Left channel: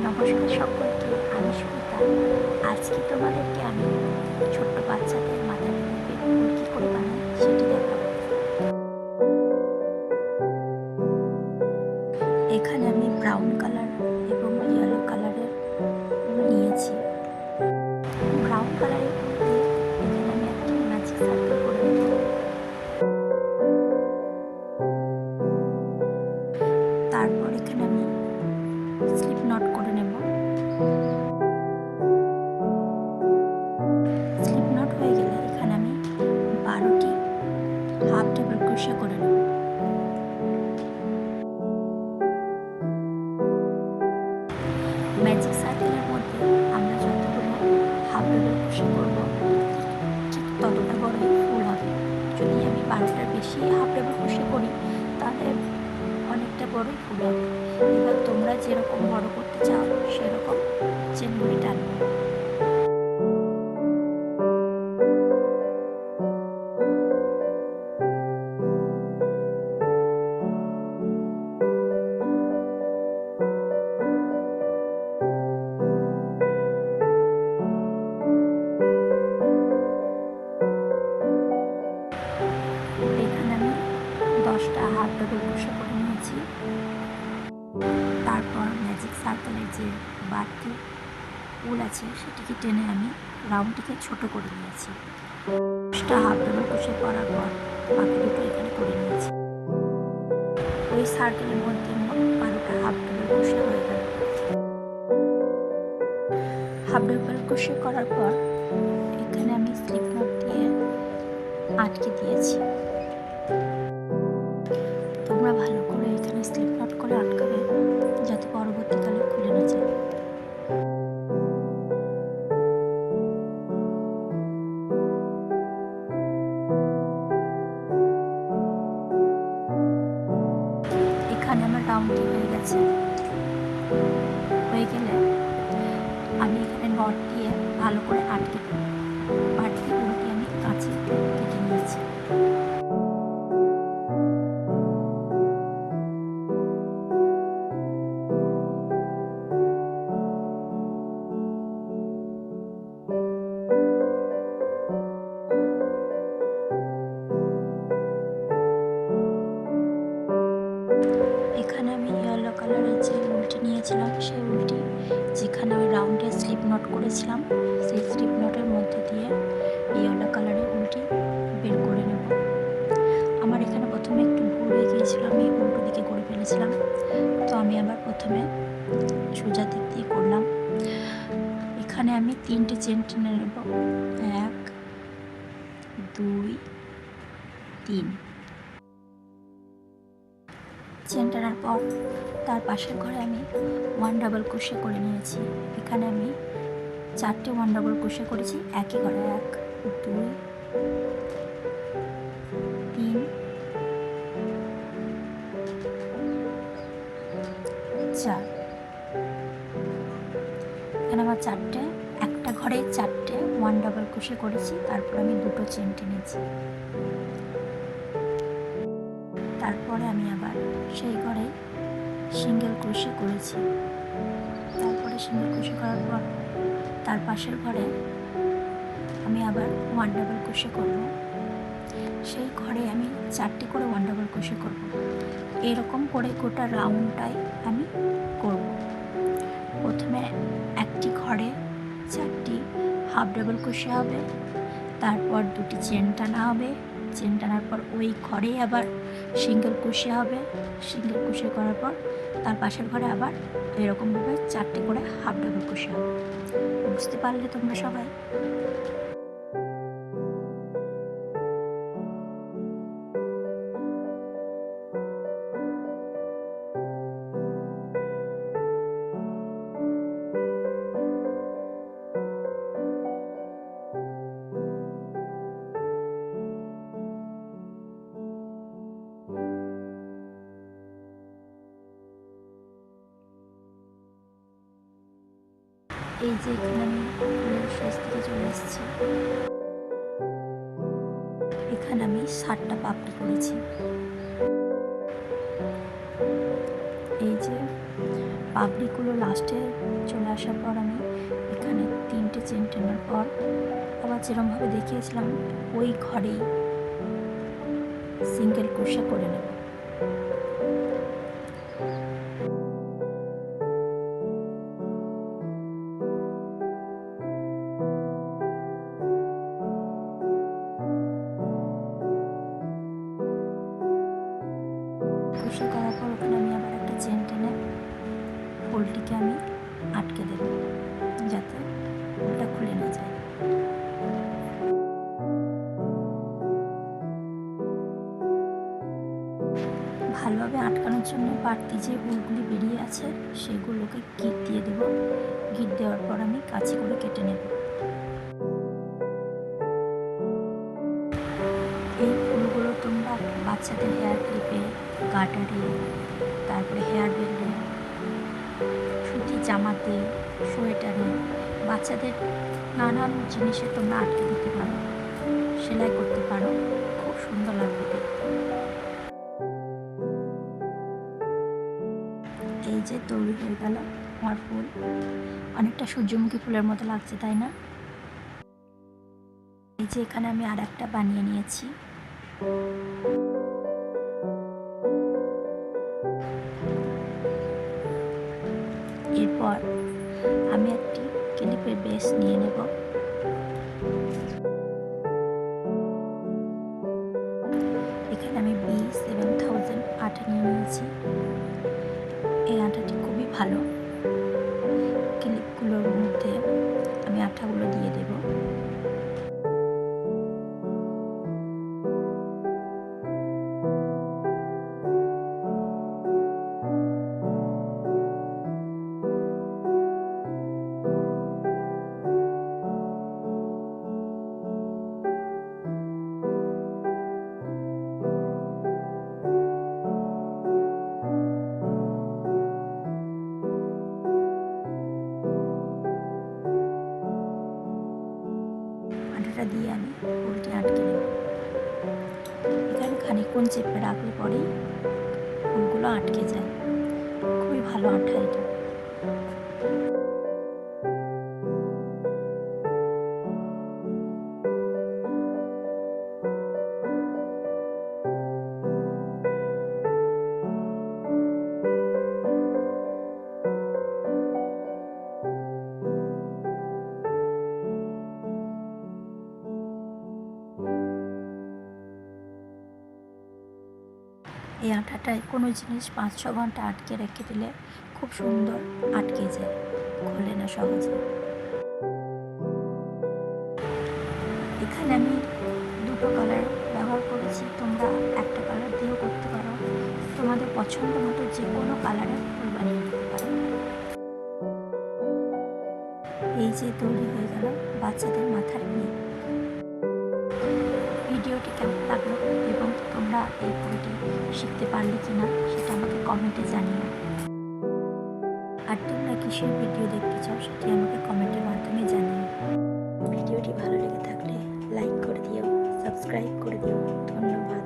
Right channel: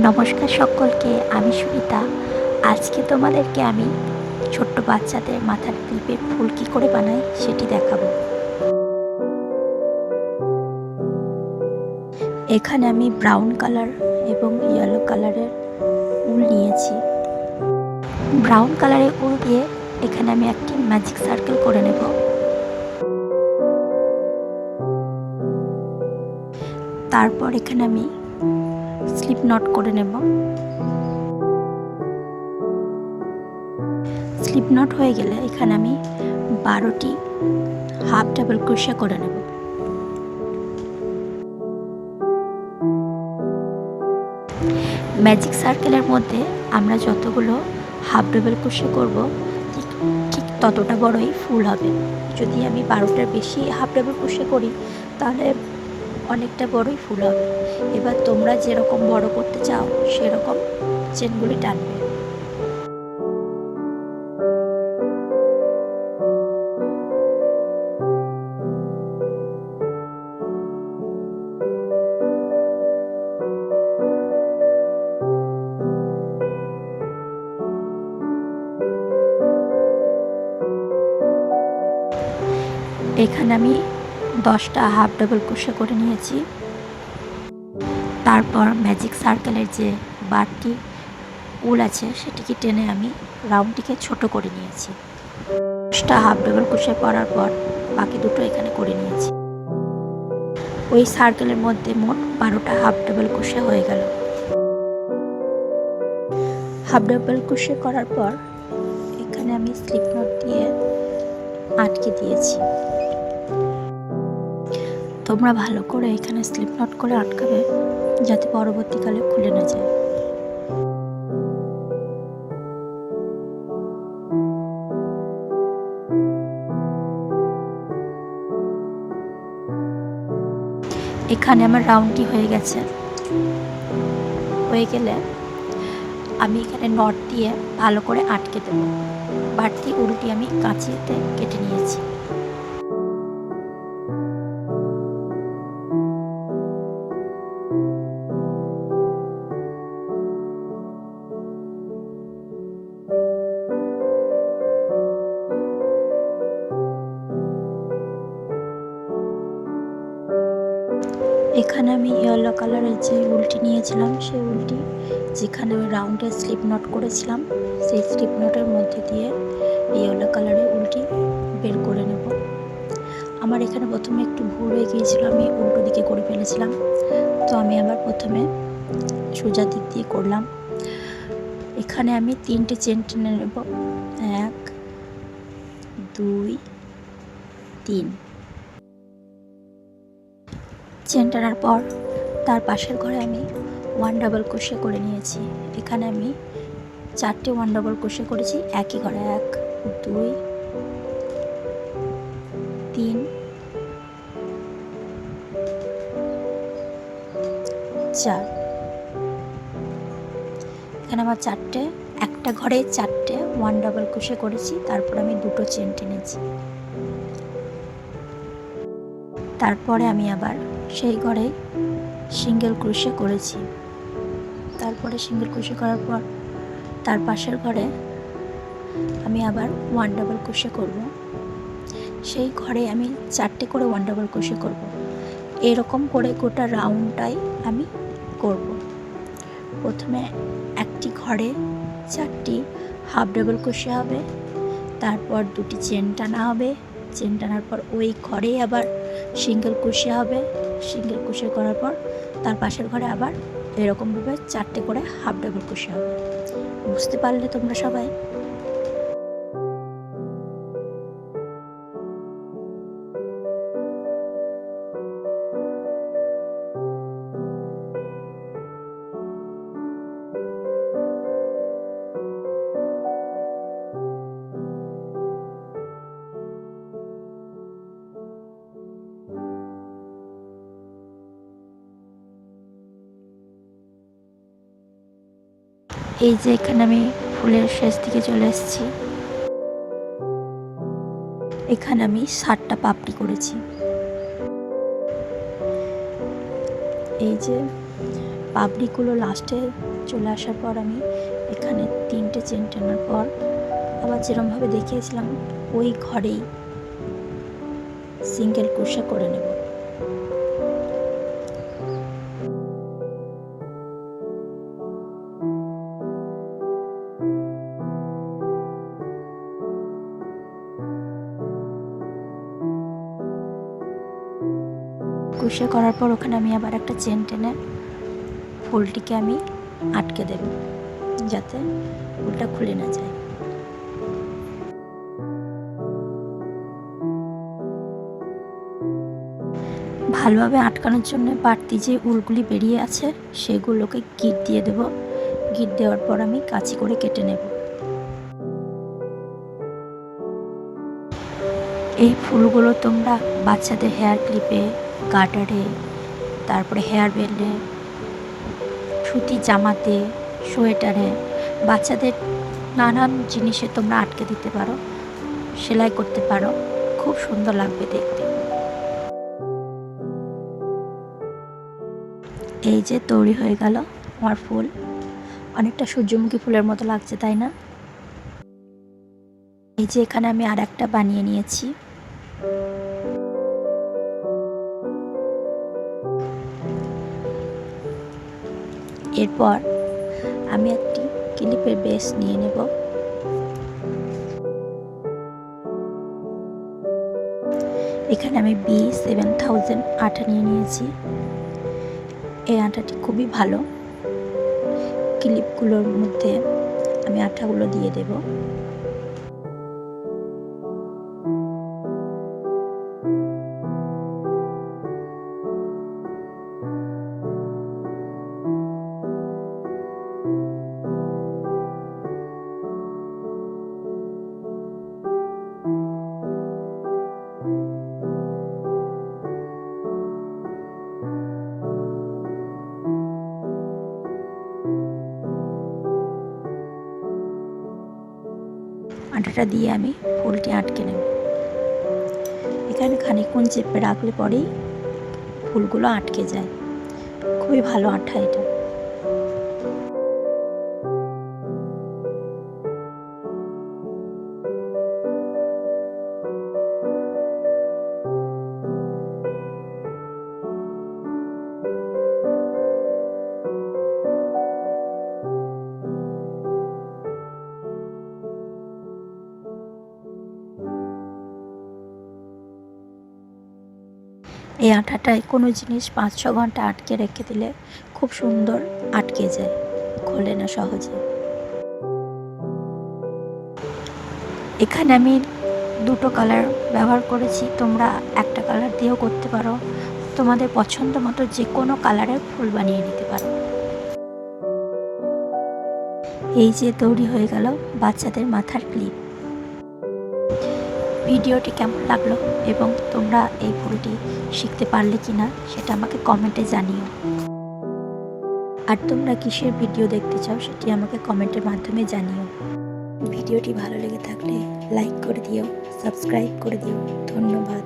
নমস্কার সকলকে, আমি সুমিতা। আজকে তোমাদেরকে আমি ছোট্ট বাচ্চাদের মাথার ক্লিপের ফুল কী করে বানাই সেটি দেখাবো। এখানে আমি ব্রাউন কালার এবং ইয়েলো কালারের উল নিয়েছি। ব্রাউন কালারের উল দিয়ে এখানে আমি একটি ম্যাজিক সার্কেল করে নেব। তারপর এখানে আমি স্লিপ নট করে নেব। স্লিপ নট হয়ে গেলে এখানে আমি 12টি হাফ ডাবল ক্রোশে করে নেব। ম্যাজিক সার্কেলের মধ্যে আমরা যতগুলো হাফ ডাবল ক্রোশে করব ঠিক ততটা বড়ই ফুল হবে। যদি আমি 12টার বেশি হাফ ডাবল ক্রোশে করি তাহলে অনেকটা বড়ই ফুল হবে। এবার তোমরা যেরকম বড় করতে চাও সেরকম চেনগুলি টানবে। এখানে আমি 10টা হাফ ডাবল ক্রোশে করে নিয়েছি। তারপর ম্যাজিক সার্কেলের যে বাড়তি উল আছে সেটিকে টেনে আমি রাউন্ডটিকে ছোট করে নিয়েছি। 10টা হাফ ডাবল ক্রোশে করার পর বাকি দুটো এখানে করে নিয়েছি। ওই সার্কেলের মধ্যে মোট 12টা হাফ ডাবল ক্রোশে হয়ে গেল। হাফ ডাবল ক্রোশে করার পর এখানে আমি স্লিপ নট দিয়ে আটকে দিয়েছি। তোমরা ভালো করে এখানে স্লিপ নট করে আটকাবে যাতে পরবর্তীকালে খুলে না যায়। এখানে আমার রাউন্ডটি হয়ে গেছে। হয়ে গেলে আমি এখানে নট দিয়ে ভালো করে আটকে দেব। বাড়তি উলটি আমি কাঁচিতে কেটে নিয়েছি। এখানে আমি ইয়েলো কালারের যে উলটি নিয়েছিলাম সেই উলটি যেখানে আমি রাউন্ডে স্লিপ নট করেছিলাম সেই স্লিপ নটের মধ্যে দিয়ে ইয়েলো কালারের উলটি বের করে নেব। আমার এখানে প্রথমে একটু ভুল হয়ে গিয়েছিল, আমি উল্টো দিকে করে ফেলেছিলাম। তো আমি আবার প্রথমে সোজা দিক দিয়ে করলাম। এখানে আমি 3টে চেন টেনে নেব। 1 2 3। চেন টানার পর তার পাশের ঘরে আমি 1 ডাবল ক্রোশে করে নিয়েছি। এখানে আমি 4টে 1 ডাবল ক্রোশে করেছি একই ঘরে। 1 2 3 4। এখানে আমার একটা ঘরে 4টে 1 ডাবল ক্রোশে করেছি। তারপর আমি 2টো চেন টেনেছি। তারপরে আমি আবার সেই ঘরে সিঙ্গেল ক্রোশে করেছি। তারপরে সিঙ্গেল ক্রোশে করার পর তার পাশের ঘরে আমি আবার 1 ডাবল ক্রোশে করব। সেই ঘরে আমি 4টে করে 1 ডাবল ক্রোশে করব। এরকম করে গোটা রাউন্ডটাই আমি করব। প্রথমে একটি ঘরে 4টি হাফ ডাবল ক্রোশে হবে, তারপর 2টি চেন টানা হবে। চেন টানার পর ওই ঘরে আবার সিঙ্গেল ক্রোশে হবে। সিঙ্গেল ক্রোশে করার পর তার পাশের ঘরে আবার এরকমভাবে 4টে করে হাফ ডাবল ক্রোশে হবে। বুঝতে পারলে তোমরা সবাই? এই যে এখানে আমি ফুলের শেষ দিকে চলে এসেছি। এখানে আমি 7টা পাপড়ি করেছি। এই যে পাপড়িগুলো লাস্টে চলে আসার পর আমি এখানে 3টে চেন টানার পর আবার যেরকমভাবে দেখিয়েছিলাম ওই ঘরেই সিঙ্গেল ক্রোশে করে নেব। ক্রোশে করার পর ওখানে আমি আবার একটা চেন টেনে ফুলটিকে আমি আটকে দেব যাতে ফুলটা খুলে না যায়। ভালোভাবে আটকানোর জন্য বাড়তি যে উলগুলি বেরিয়ে আছে সেগুলোকে গিট দিয়ে দেব। গিট দেওয়ার পর আমি কাঁচি করে কেটে নেব। এই ফুলগুলো তোমরা বাচ্চাদের হেয়ার ক্লিপে, গার্টারে, তারপরে হেয়ার বেল্টে, সুতি জামাতে, সোয়েটারে, বাচ্চাদের নানান জিনিসে তোমরা আটকে দিতে পারো, সেলাই করতে পারো, খুব সুন্দর লাগবে দেখতে। এই যে তৈরি হয়ে গেল আমার ফুল। অনেকটা সূর্যমুখী ফুলের মতো লাগছে, তাই না? এই যে এখানে আমি আর একটা বানিয়ে নিয়েছি। এরপর আমি একটি ক্লিপের বেস নিয়ে নেব। এখানে আমি B7000 আঠা নিয়ে নিয়েছি। এই আঠাটি খুবই ভালো। ক্লিপগুলোর মধ্যে আমি আঠাগুলো দিয়ে দেব। আঠাটা দিয়ে আমি ফুলটি আটকে নেব। এখানে খানিকক্ষণ চেপে রাখলে পরেই ফুলগুলো আটকে যায়। খুবই ভালো আঠা এটা। এই আঠাটায় কোনো জিনিস 5-6 ঘন্টা আটকে রেখে দিলে খুব সুন্দর আটকে যায়, খোলে না সহজে। এখানে আমি 2টো কালার ব্যবহার করেছি, তোমরা একটা কালার দিয়েও করতে পারো। তোমাদের পছন্দ মতো যে কোনো কালারের ফুল বানিয়ে নিতে পারো। এই যে তৈরি হয়ে গেল বাচ্চাদের মাথার ক্লিপ। ভিডিওটি কেমন লাগলো এবং তোমরা এই ফুলটি শিখতে পারলে কিনা সেটা আমাকে কমেন্টে জানিও। আর তোমরা কিসের ভিডিও দেখতে চাও সেটি আমাকে কমেন্টের মাধ্যমে জানিও। ভিডিওটি ভালো লেগে থাকলে লাইক করে দিও, সাবস্ক্রাইব করে দিও। ধন্যবাদ।